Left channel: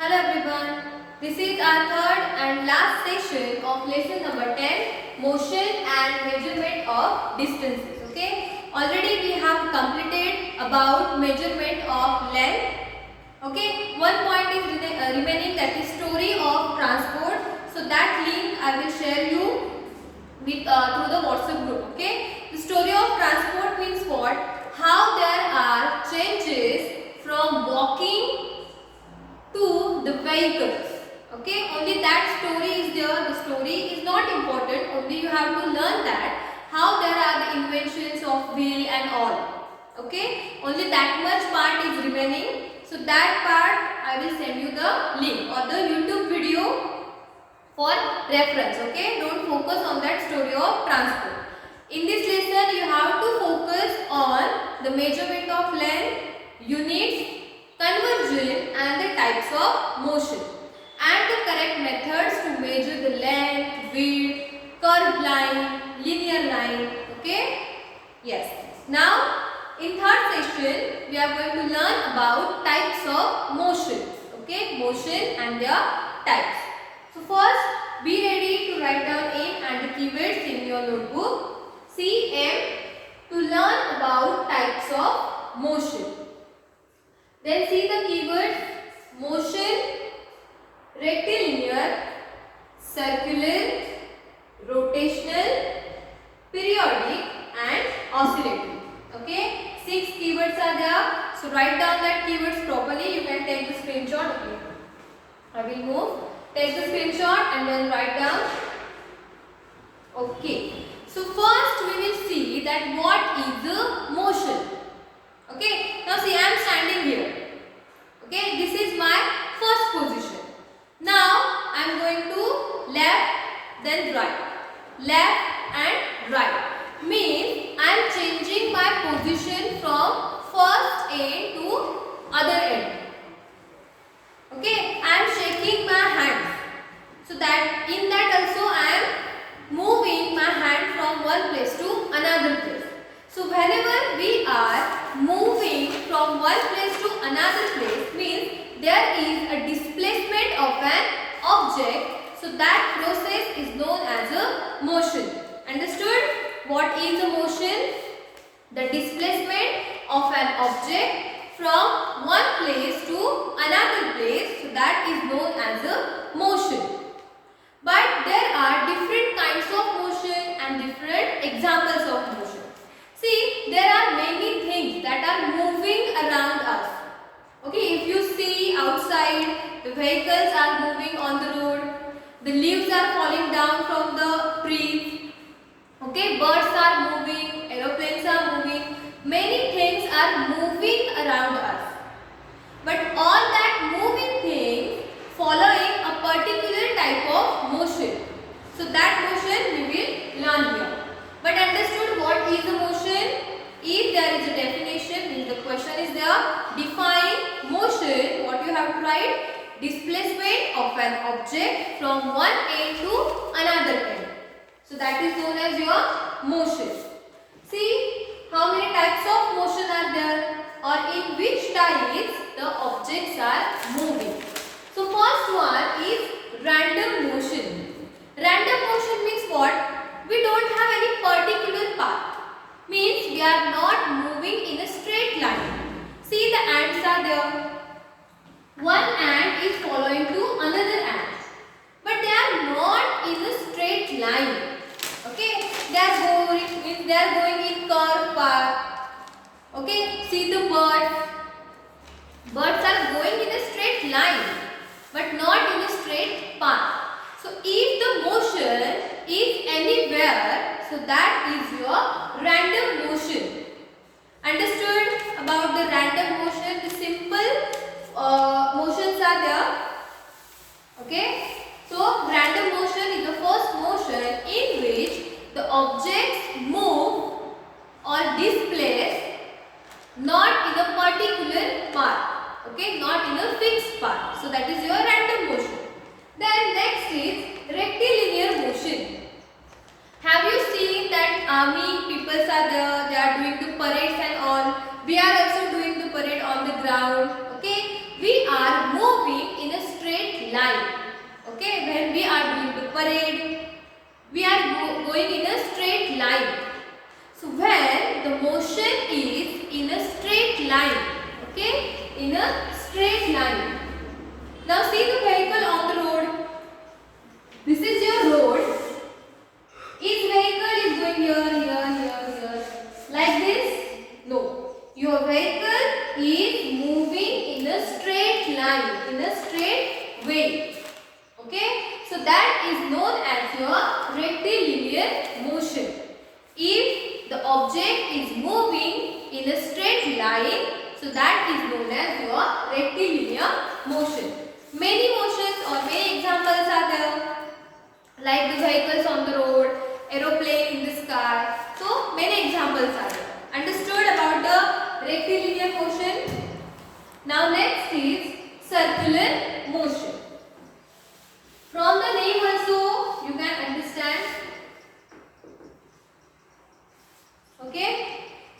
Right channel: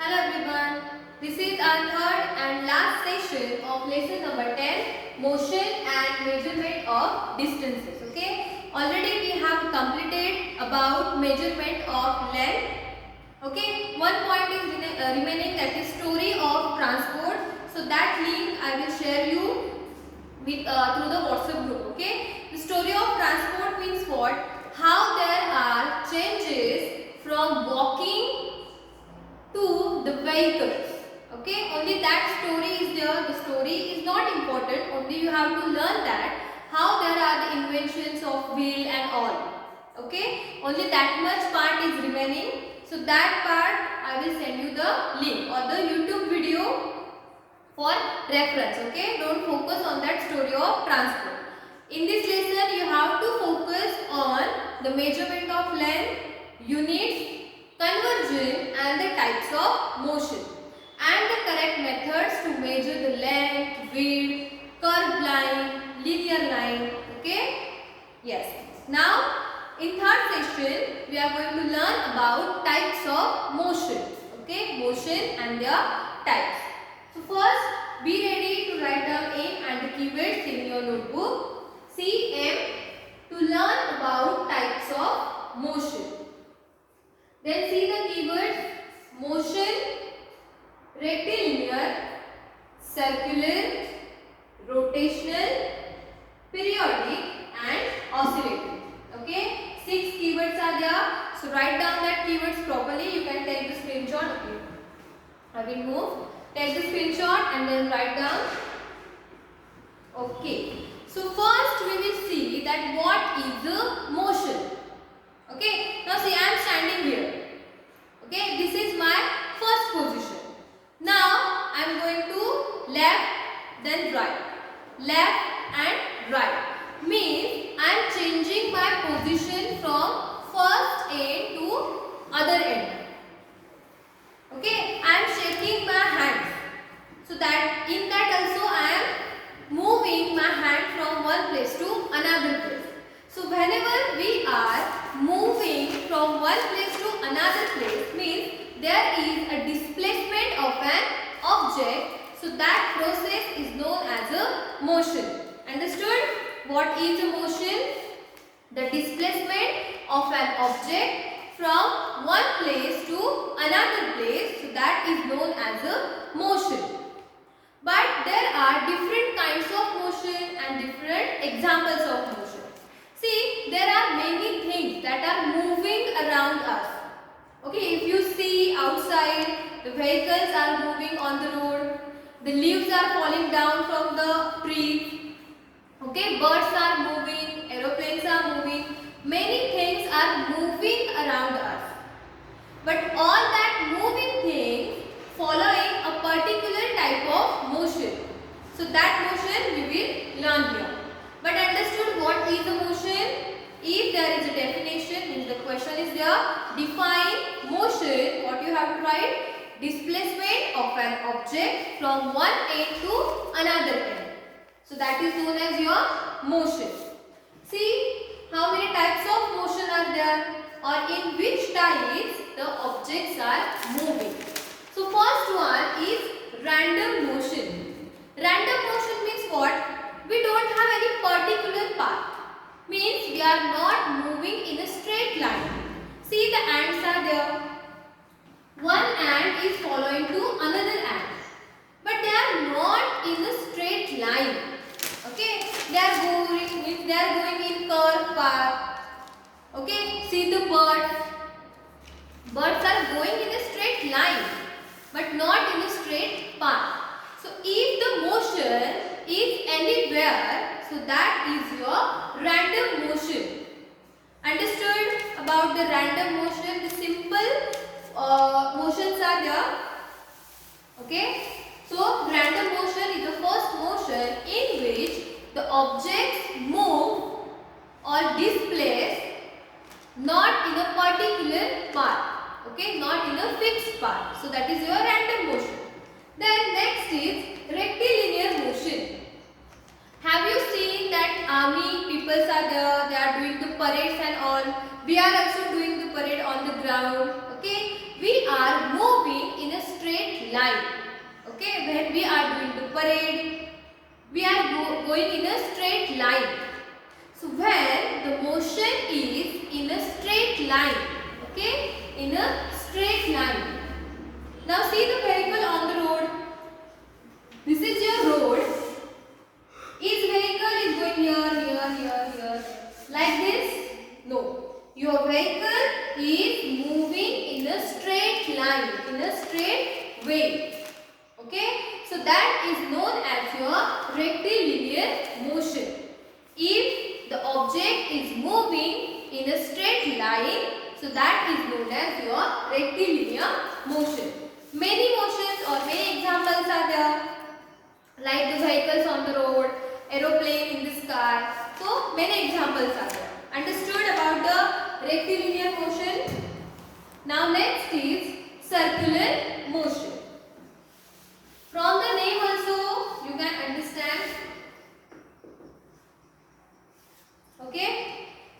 Hello everyone, this is our third and last session of lesson number 10, motion and measurement of distances. Okay, already we have completed about measurement of length. Okay, one point is remaining, that is story of transport. So that link I will share you with through the WhatsApp group. Okay, the story of transport means what? How there are changes from walking to the vehicles. Okay, only that story is there. The story is not important, only you have to learn that how there are the inventions of wheel and all. Okay, only that much part is remaining. So that part I will send you the link or the YouTube video for reference. Okay, don't focus on that story of transport. In this lesson you have to focus on the measurement of length, units, conversion and the types of motion and the correct methods to measure the length, width, curved line, linear line. Okay, yes. Now in third session we are going to learn about types of motion. Okay, motion and their types. So first be ready to write down aim and the keywords in your notebook. See aim to learn about types of motion. Then see the keywords: motion, rectilinear, circular, rotational, periodic and oscillating. Okay, 6 keywords are there. So write down that keywords properly. You can take the screenshot. Okay, I will move. Take the screenshot and then write down. Okay, so first we will see that what is the motion. Okay, now see, I am standing here. Okay, this is my first position. Now I am going to left, then right. Left and right means I am changing my position from first end to other end. Okay, I am shaking my hands. So that in that also I am moving my hand from one place to another place. So whenever we are moving from one place to another place means there is a displacement of an object. So that process is known as a motion. Understood? What is a motion? The displacement of an object from one place to another place. So that is known as a motion. But there are different kinds of motion and different examples of motion. See, there are many things that are moving around us. Okay, if you see outside, the vehicles are moving on the road, the leaves are falling down from the trees, okay, birds are moving, aeroplanes are moving, many things are moving around us. But all that moving things following a particular type of motion. So that motion we will learn here. But understood what is the motion? If there is a definition, means the question is there. Define motion. What you have to write? Displacement of an object from one end to another end. So that is known as your motion. See how many types of motion are there, or in which types the objects are moving. So first one is random motion. Random motion means what? We don't have any particular path. Means we are not moving in a straight line. See, the ants are there. One ant is following to another ant. But they are not in a straight line. Okay, they are going in curved path. Okay, see the birds. Birds are going in a straight line, but not in a straight path. So if the motion is anywhere, so that is your random motion. Understood about the random motion? The simple motions are there. Okay, so random motion is the first motion in which the objects move or displace not in a particular path. Okay, not in a fixed path. So that is your random motion. Then next is rectilinear motion. Have you seen that army people are there, they are doing the parades and all. We are also doing the parade on the ground. Okay, we are moving in a line. Okay, when we are doing the parade, we are going in a straight line. So when the motion is in a straight line, okay, in a straight line. Now see the vehicle on the road. This is your road. Each vehicle is going here. Like this? No. Your vehicle is moving in a straight line, in a straight way. Okay? So that is known as your rectilinear motion. If the object is moving in a straight line, so that is known as your rectilinear motion. Many motions or many examples are there, like the vehicles on the road, aeroplane in the sky. So many examples are there. Understood about the rectilinear motion? Now next is circular motion. From the name also you can understand. Okay?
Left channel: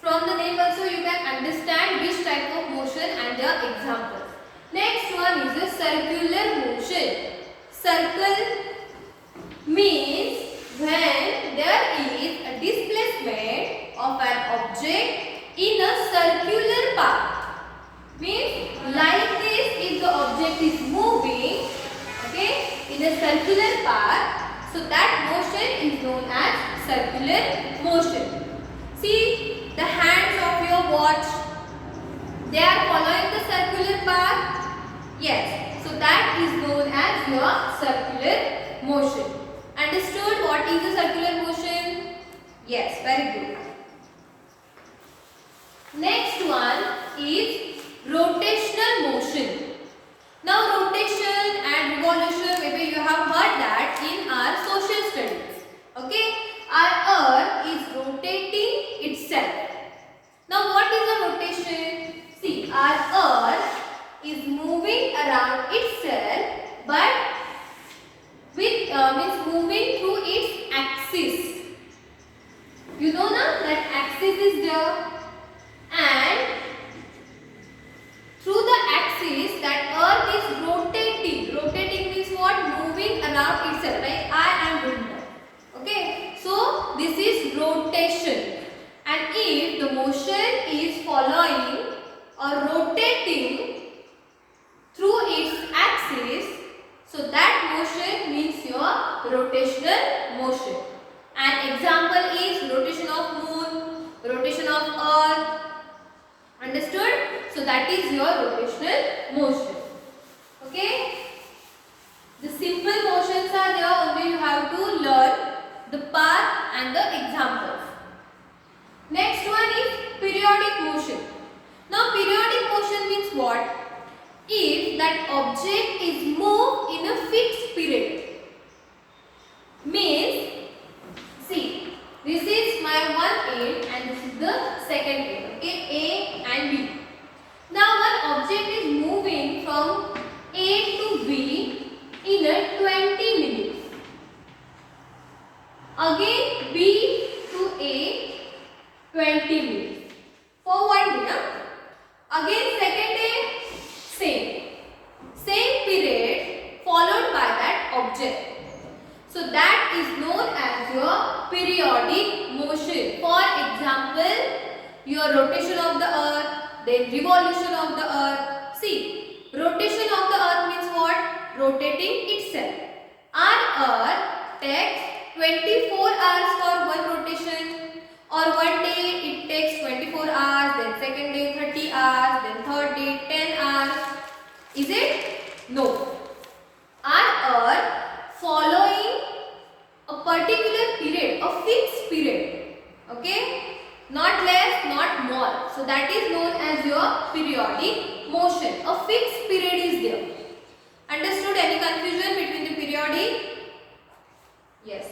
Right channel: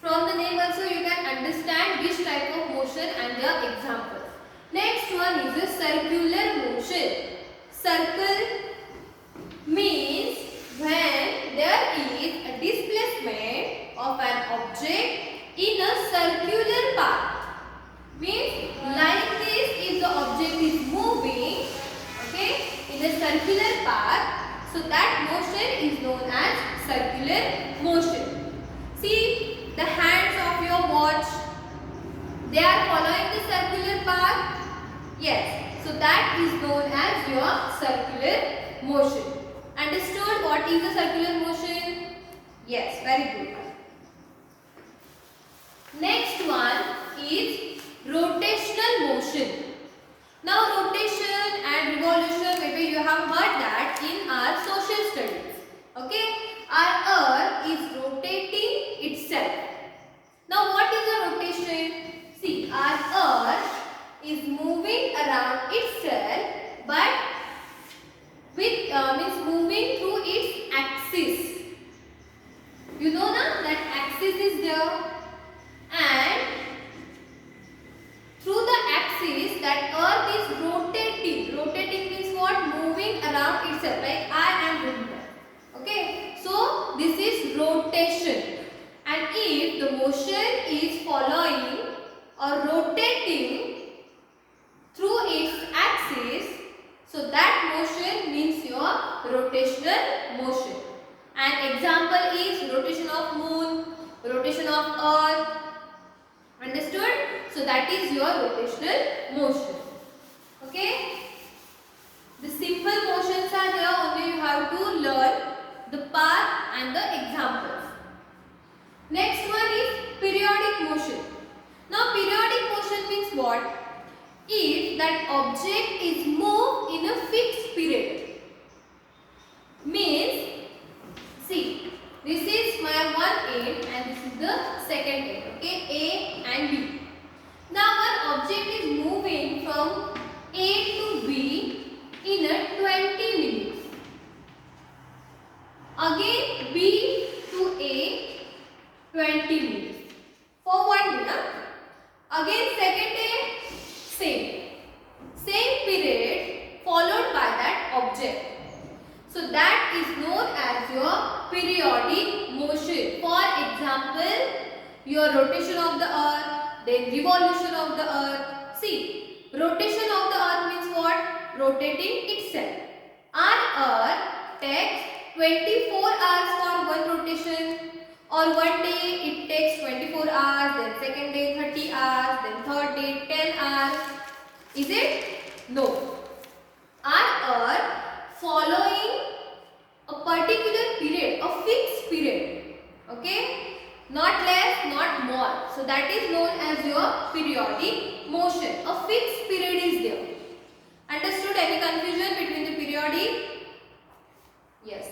From the name also you can understand which type of motion and their examples. Next one is a circular motion. Circle means when there is a displacement of an object in a circular path. Means like this, if the object is moving, okay, in a circular path, so that motion is known as circular motion. See the hands of your watch, they are following the circular path. Yes, so that is known as your circular motion. Understood what is a circular motion? Yes, very good. Next one is rotational motion. Now rotation and revolution, maybe you have heard that in our social studies. Okay, our earth is rotating itself. Now what is a rotation? See, our earth is moving around itself, but with means moving through its axis. You know na that axis is there, and through the axis that earth is rotating. Rotating means what? Moving around itself, like I am doing that. Okay, so this is rotation. And if the motion is following or rotating through its axis, so that motion means your rotational motion. An example is rotation of moon, rotation of earth. Understood? So that is your rotational motion. Okay? The simple motions are there, only you have to learn the path and the examples. Next one is periodic motion. Now periodic motion means what? If that object is moved in a fixed period. Means, see, this is my one end and this is the second end. Okay, A and B. Now one object is moving from A to B in a 20 minutes. Again B to A, 20 minutes. For one day. Again second day, same period followed by that object. So that is known as your periodic motion. For example, your rotation of the earth, then revolution of the earth. See, rotation of the earth means what? Rotating itself. Our earth takes 24 hours for one rotation, or one day it takes 24 hours, then second day 30 hours, then third day 10 hours. Is it? No. Our earth following a particular period, a fixed period. Okay? Not less, not more. So that is known as your periodic motion. A fixed period is there. Understood? Any confusion between the periodic? Yes.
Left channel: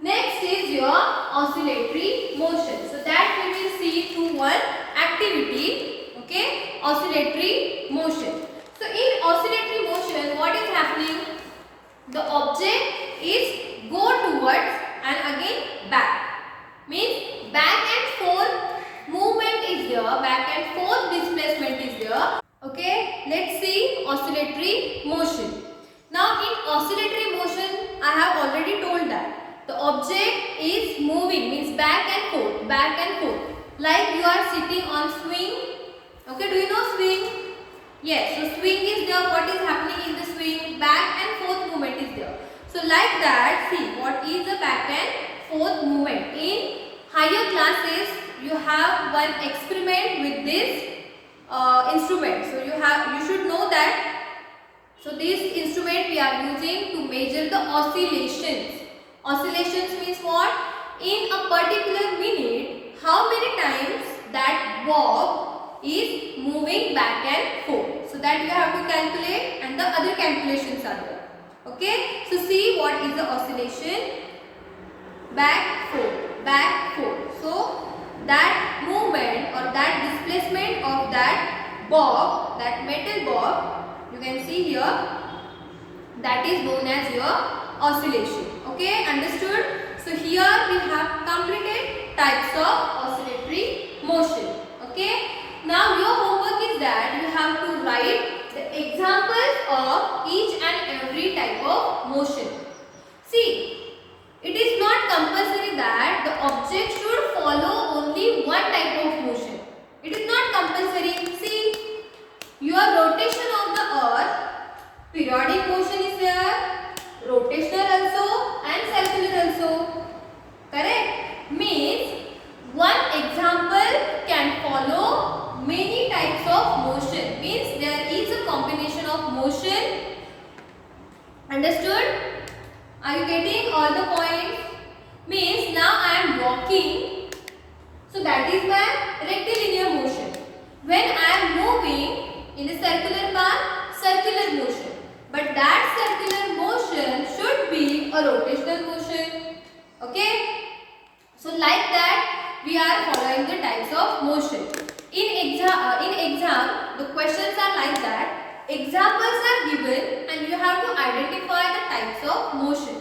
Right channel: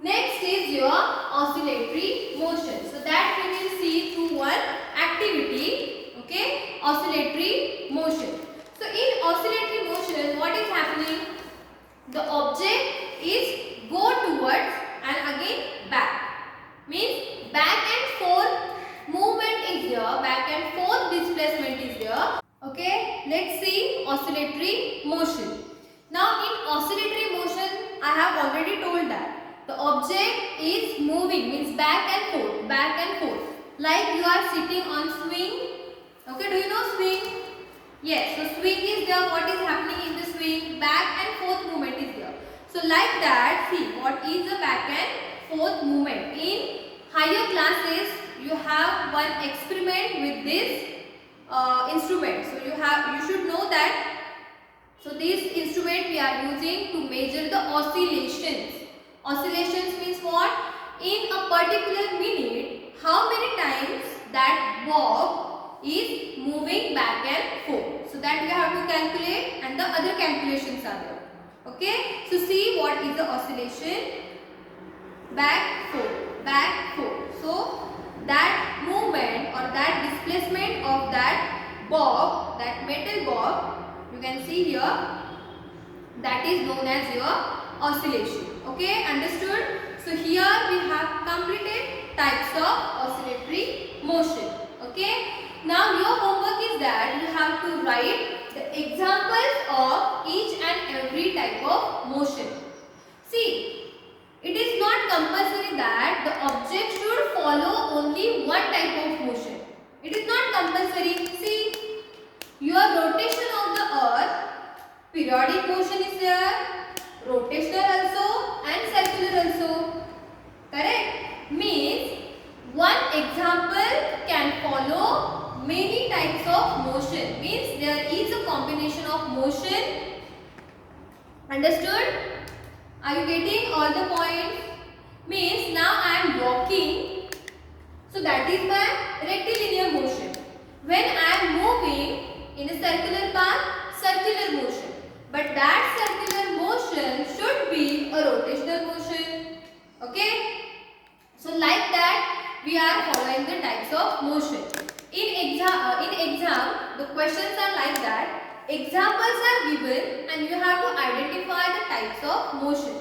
Next is your oscillatory motion. So that we will see through one activity. Okay? Oscillatory motion. So in oscillatory motion, what is happening? The object is go towards and again back. Means back and forth movement is there, back and forth displacement is there. Okay, let's see oscillatory motion. Now in oscillatory motion, I have already told that the object is moving, means back and forth, back and forth. Like you are sitting on swing. Okay, do you know swing? Yes, so swing is there. What is happening in the swing? Back and forth movement is there. So like that, see what is the back and forth movement. In higher classes, you have one experiment with this instrument. So you should know that. So this instrument we are using to measure the oscillations. Oscillations means what? In a particular minute, how many times that bob is moving back and forth. So that you have to calculate, and the other calculations are there. Okay. So see what is the oscillation. Back, forth, back, forth. So that movement or that displacement of that bob, that metal bob, you can see here, that is known as your oscillation. Okay, understood? So here we have completed types of oscillatory motion. Okay. Now your homework is that you have to write the examples of each and every type of motion. See, it is not compulsory that the object should follow only one type of motion. It is not compulsory. See, your rotation of the earth, periodic motion is there, rotational also and circular also. Correct? Means one example can follow many types of motion. Means there is a combination of motion. Understood? Are you getting all the points? Means now I am walking. So that is my rectilinear motion. When I am moving in a circular path, circular motion. But that circular motion should be a rotational motion. Okay? So like that we are following the types of motion. In exam, the questions are like that. Examples are given and you have to identify the types of motion.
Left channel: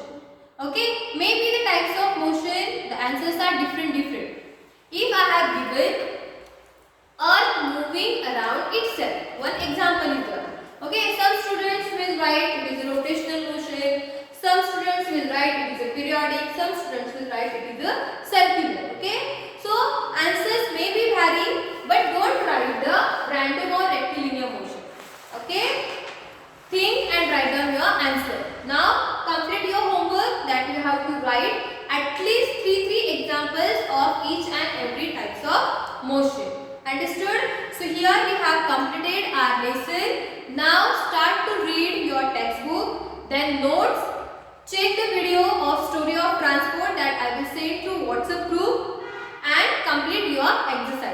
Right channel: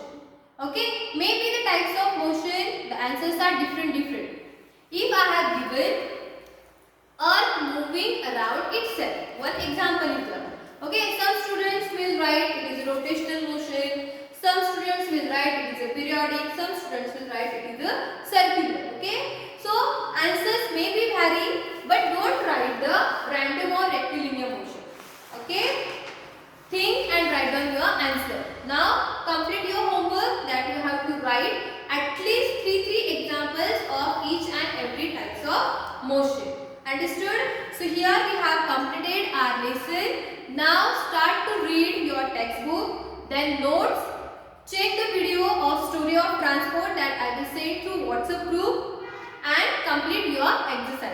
Okay? Maybe the types of motion, the answers are different. If I have given earth moving around itself, one example is there. Okay, some students will write it is a rotational motion, some students will write it is a periodic, some students will write it is a circular. Okay, so answers may be vary, but don't write the random or rectilinear motion. Okay, think and write down your answer. Now complete your homework that you have to write at least 3 examples of each and every types of motion. Understood? So here we have completed our lesson. Now start to read your textbook, then notes. Check the video of story of transport that I will send through WhatsApp group and complete your exercise.